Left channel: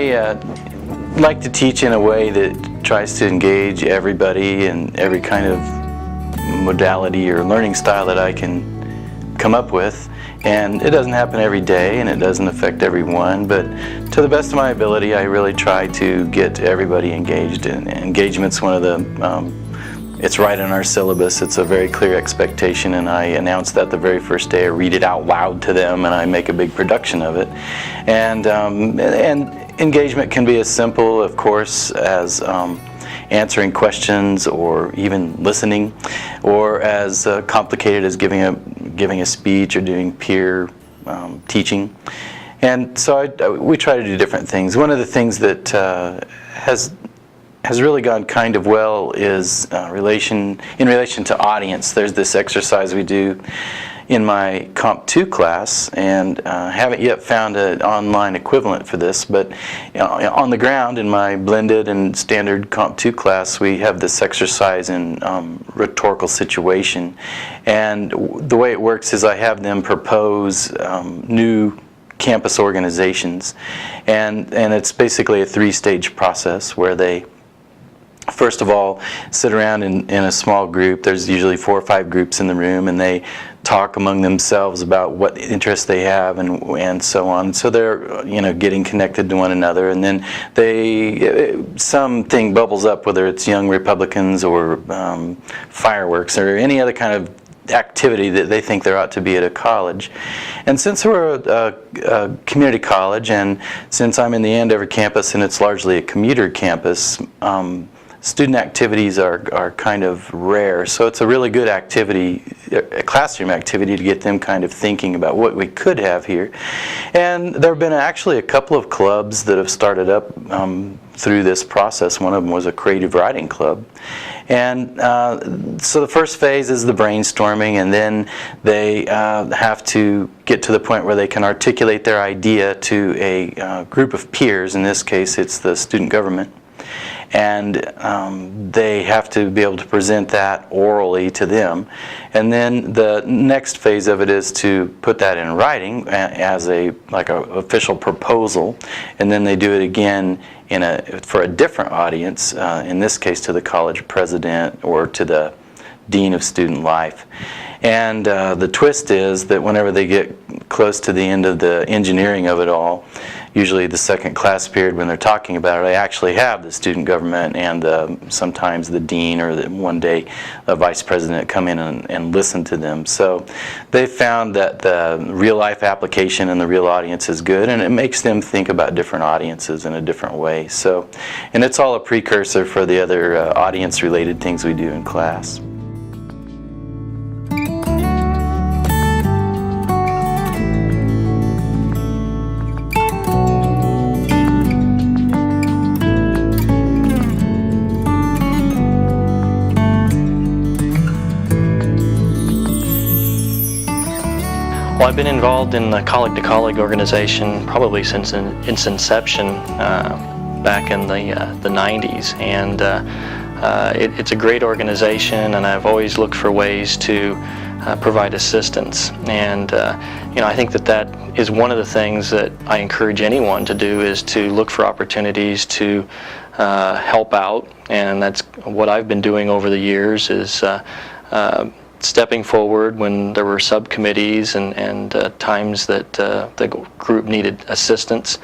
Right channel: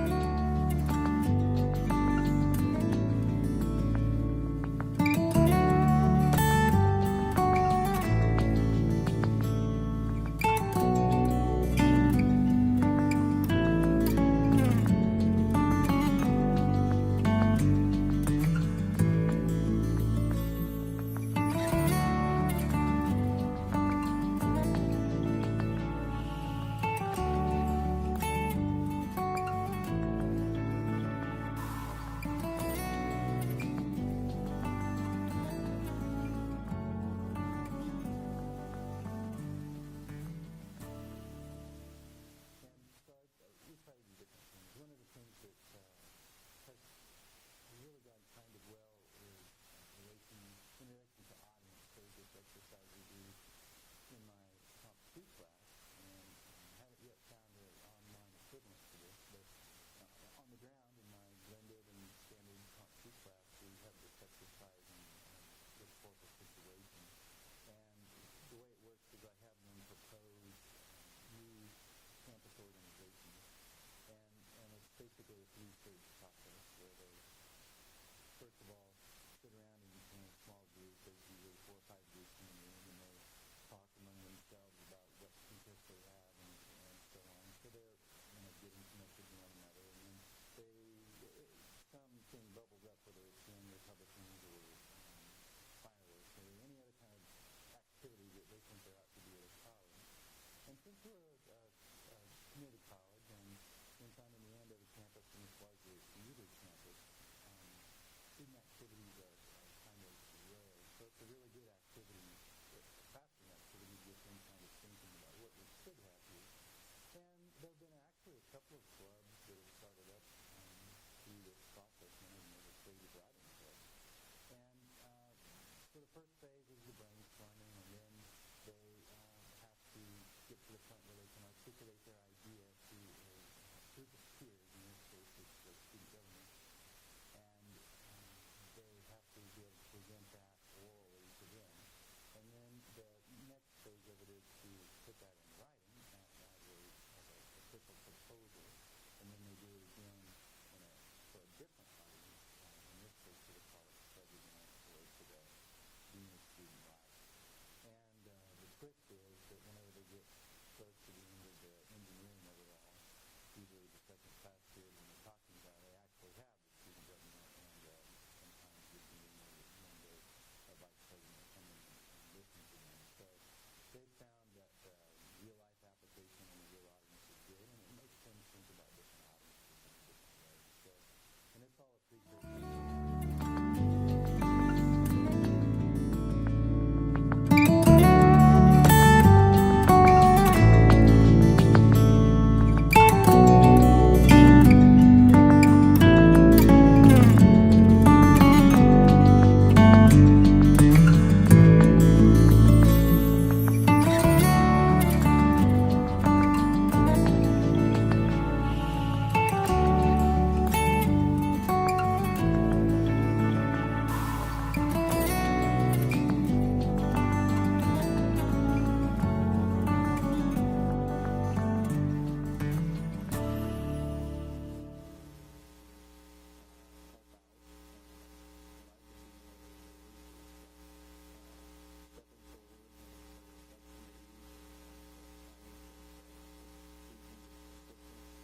I like to teach in a way that tries to engage everybody in every kind of modality or learning style that I can come up with. And it doesn't happen every day and it doesn't affect everyone, but to the best of my ability I really try to get everybody engaged. And engagement's one of the, it's right in our syllabus. It's a very clear expectation, and I announce that the very first day. I read it out loud to them and I make a big production of it. And engagement can be as simple, of course, as answering questions or even listening, or as complicated as giving a speech or doing peer teaching. And so we try to do different things. One of the things that has really gone kind of well is in relation to audience. There's this exercise we do in my Comp 2 class, and haven't yet found an online equivalent for this, but on the ground in my blended and standard Comp 2 class, we have this exercise in rhetorical situation. And the way it works is I have them propose new campus organizations, and it's basically a three-stage process where they first of all sit around in a small group. There's usually 4 or 5 groups in the room, and they talk among themselves about what interests they have and so on. So they're getting connected to one another, and then something bubbles up, whether it's young Republicans or fireworks or any other kind of activity that they think there ought to be at a college. And since we're a community college, and since I'm in the Andover campus and it's largely a commuter campus, student activities are kind of rare, so it's a really good activity, a classroom activity, to get them kind of thinking about what we could have here. And there have been actually a couple of clubs that have started up through this process. One of them was a creative writing club. And so the first phase is the brainstorming, and then they have to get to the point where they can articulate their idea to a group of peers. In this case, it's the student government. And they have to be able to present that orally to them. And then the next phase of it is to put that in writing as a official proposal. And then they do it again for a different audience, in this case to the college president or to the dean of student life. And the twist is that whenever they get close to the end of the engineering of it all, usually the second class period when they're talking about it, they actually have the student government and sometimes the dean or one day a vice president come in and listen to them. So they found that the real life application and the real audience is good, and it makes them think about different audiences in a different way. So, and it's all a precursor for the other audience related things we do in class. Well, I've been involved in the Colleague to Colleague organization probably since its inception back in the 90s, and it's a great organization, and I've always looked for ways to provide assistance. And I think that is one of the things that I encourage anyone to do, is to look for opportunities to help out, and that's what I've been doing over the years, is stepping forward when there were subcommittees and times that the group needed assistance.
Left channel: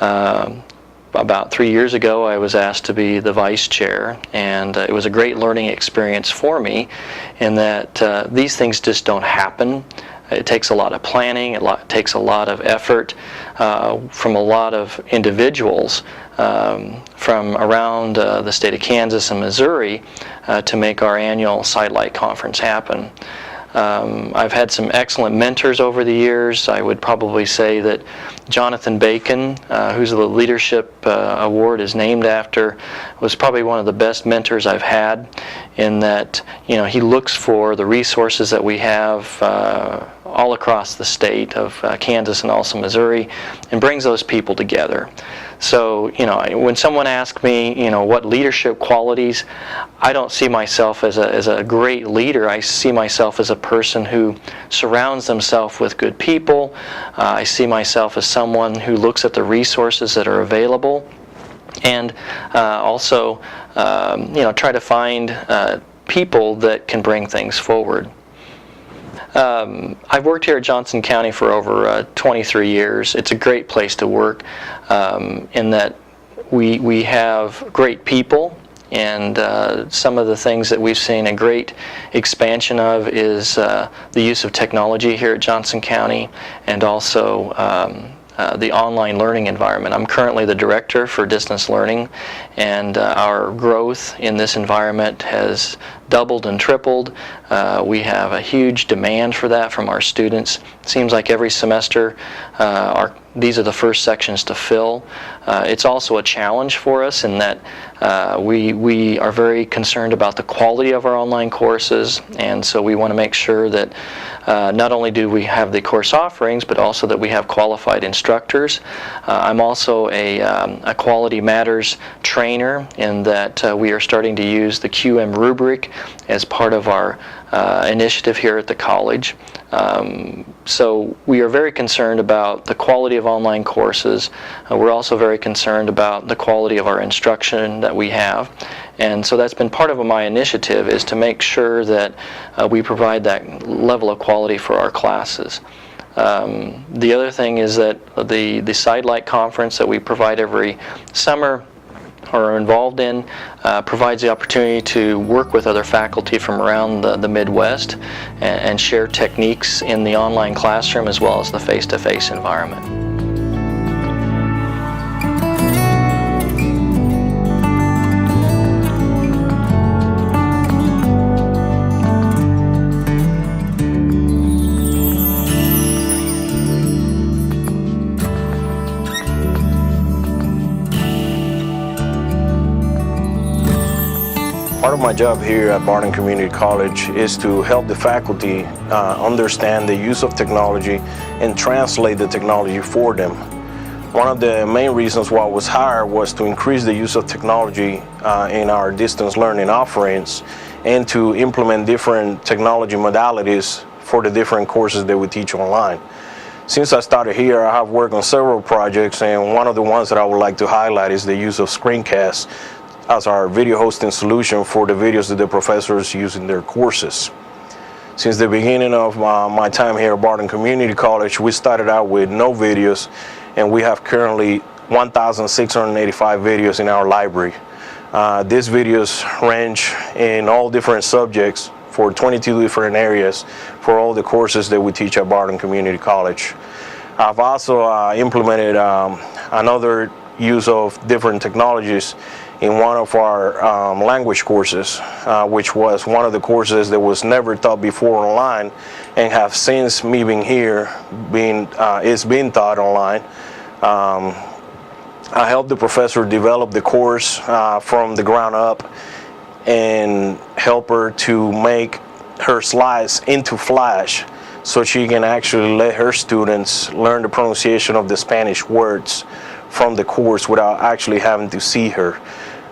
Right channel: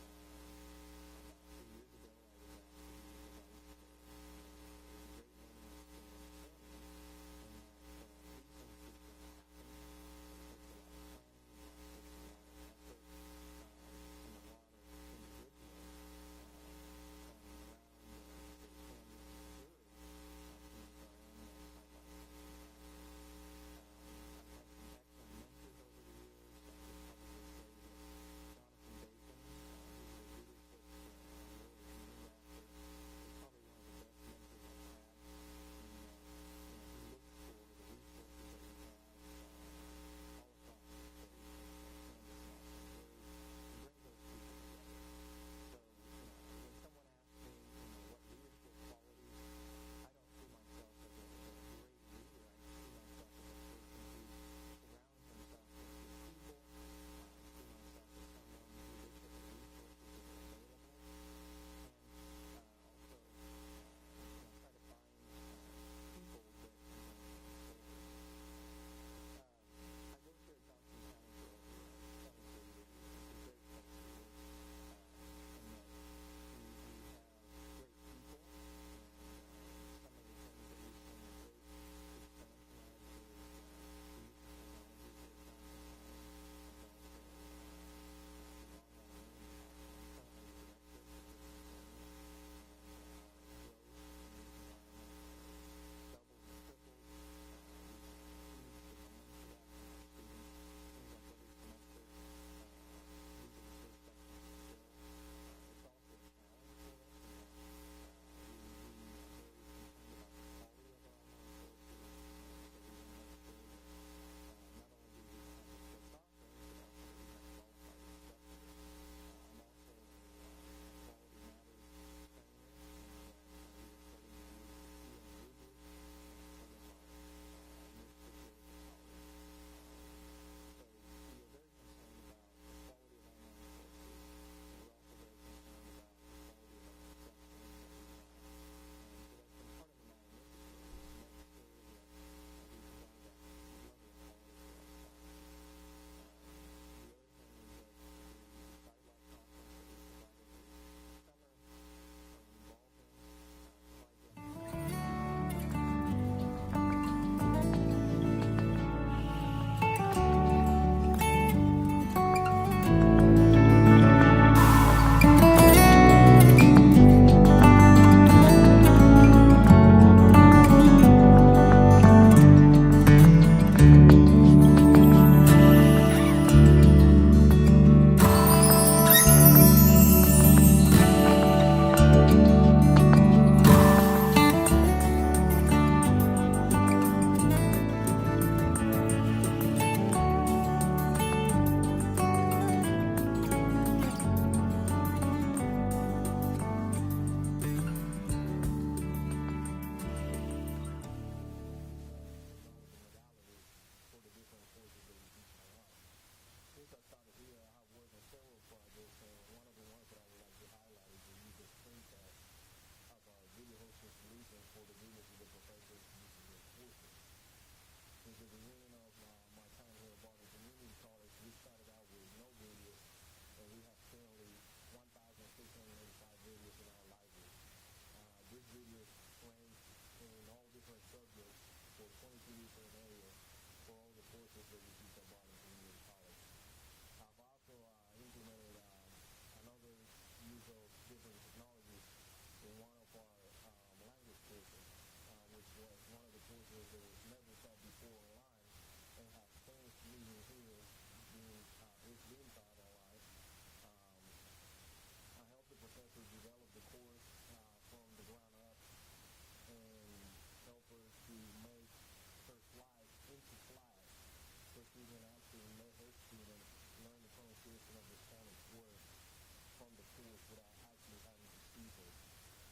About 3 years ago, I was asked to be the vice chair, and it was a great learning experience for me, in that these things just don't happen. It takes a lot of planning, it takes a lot of effort from a lot of individuals from around the state of Kansas and Missouri to make our annual Sidlit conference happen. I've had some excellent mentors over the years. I would probably say that Jonathan Bacon, who's the Leadership Award is named after, was probably one of the best mentors I've had, in that he looks for the resources that we have all across the state of Kansas and also Missouri, and brings those people together. So, when someone asks me, what leadership qualities, I don't see myself as a great leader. I see myself as a person who surrounds themselves with good people. I see myself as someone who looks at the resources that are available, and also, try to find people that can bring things forward. I've worked here at Johnson County for over 23 years. It's a great place to work in that we have great people, and some of the things that we've seen a great expansion of is the use of technology here at Johnson County, and also the online learning environment. I'm currently the director for distance learning, and our growth in this environment has doubled and tripled. We have a huge demand for that from our students. It seems like every semester these are the first sections to fill. It's also a challenge for us in that we are very concerned about the quality of our online courses, and so we want to make sure that not only do we have the course offerings, but also that we have qualified instructors. I'm also a Quality Matters trainer in that we are starting to use the QM rubric as part of our initiative here at the college. So we are very concerned about the quality of online courses. We're also very concerned about the quality of our instruction that we have. And so that's been part of my initiative, is to make sure that we provide that level of quality for our classes. The other thing is that the Sidlit conference that we provide every summer or are involved in provides the opportunity to work with other faculty from around the Midwest and share techniques in the online classroom as well as the face-to-face environment. Part of my job here at Barton Community College is to help the faculty understand the use of technology and translate the technology for them. One of the main reasons why I was hired was to increase the use of technology in our distance learning offerings and to implement different technology modalities for the different courses that we teach online. Since I started here, I have worked on several projects, and one of the ones that I would like to highlight is the use of screencasts as our video hosting solution for the videos that the professors use in their courses. Since the beginning of my time here at Barton Community College, we started out with no videos, and we have currently 1,685 videos in our library. These videos range in all different subjects for 22 different areas for all the courses that we teach at Barton Community College. I've also implemented another use of different technologies in one of our language courses, which was one of the courses that was never taught before online, and have since me being here, it's been taught online. I helped the professor develop the course from the ground up and help her to make her slides into Flash so she can actually let her students learn the pronunciation of the Spanish words from the course without actually having to see her.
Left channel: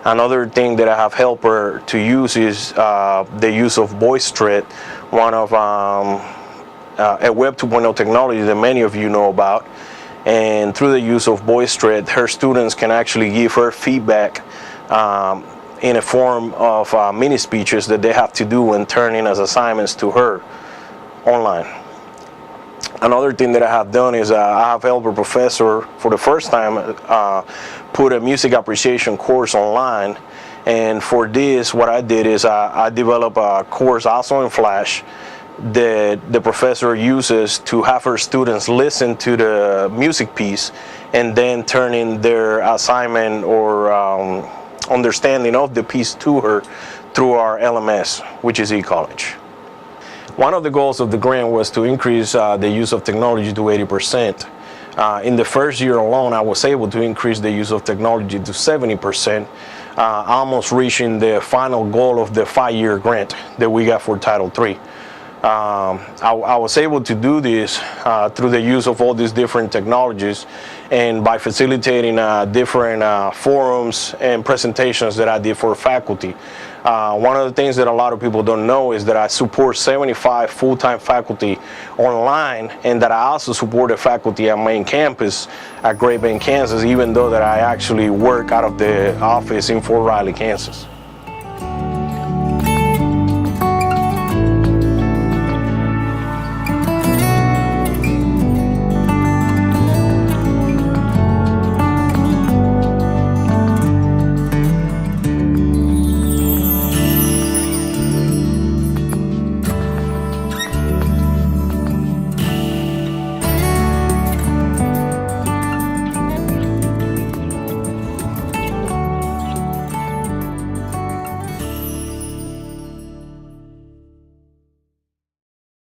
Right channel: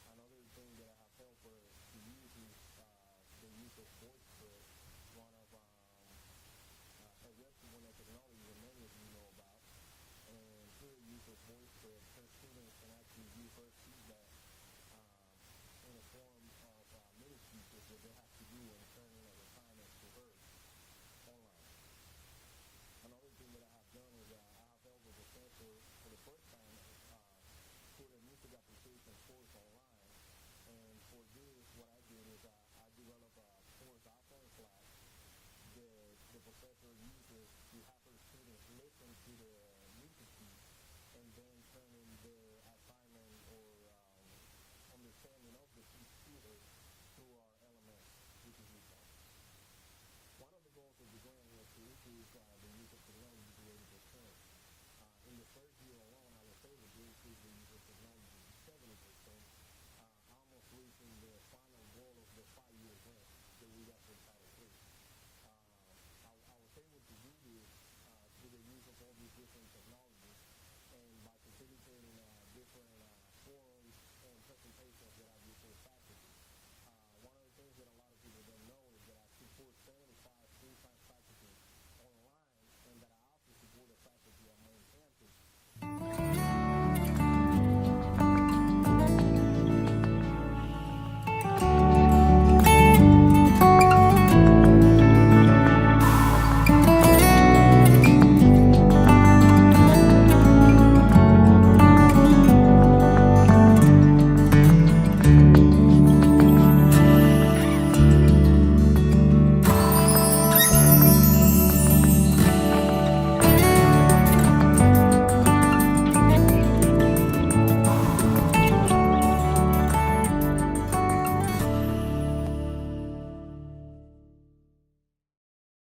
Another thing that I have helped her to use is the use of VoiceThread, one of a Web 2.0 technology that many of you know about. And through the use of VoiceThread, her students can actually give her feedback in a form of mini speeches that they have to do and turn in as assignments to her online. Another thing that I have done is I have helped a professor for the first time put a music appreciation course online, and for this what I did is I developed a course also in Flash that the professor uses to have her students listen to the music piece and then turn in their assignment or understanding of the piece to her through our LMS, which is eCollege. One of the goals of the grant was to increase the use of technology to 80%. In the first year alone, I was able to increase the use of technology to 70%, almost reaching the final goal of the 5-year grant that we got for Title III. I was able to do this through the use of all these different technologies and by facilitating different forums and presentations that I did for faculty. One of the things that a lot of people don't know is that I support 75 full-time faculty online, and that I also support the faculty at main campus at Great Bend, Kansas, even though that I actually work out of the office in Fort Riley, Kansas.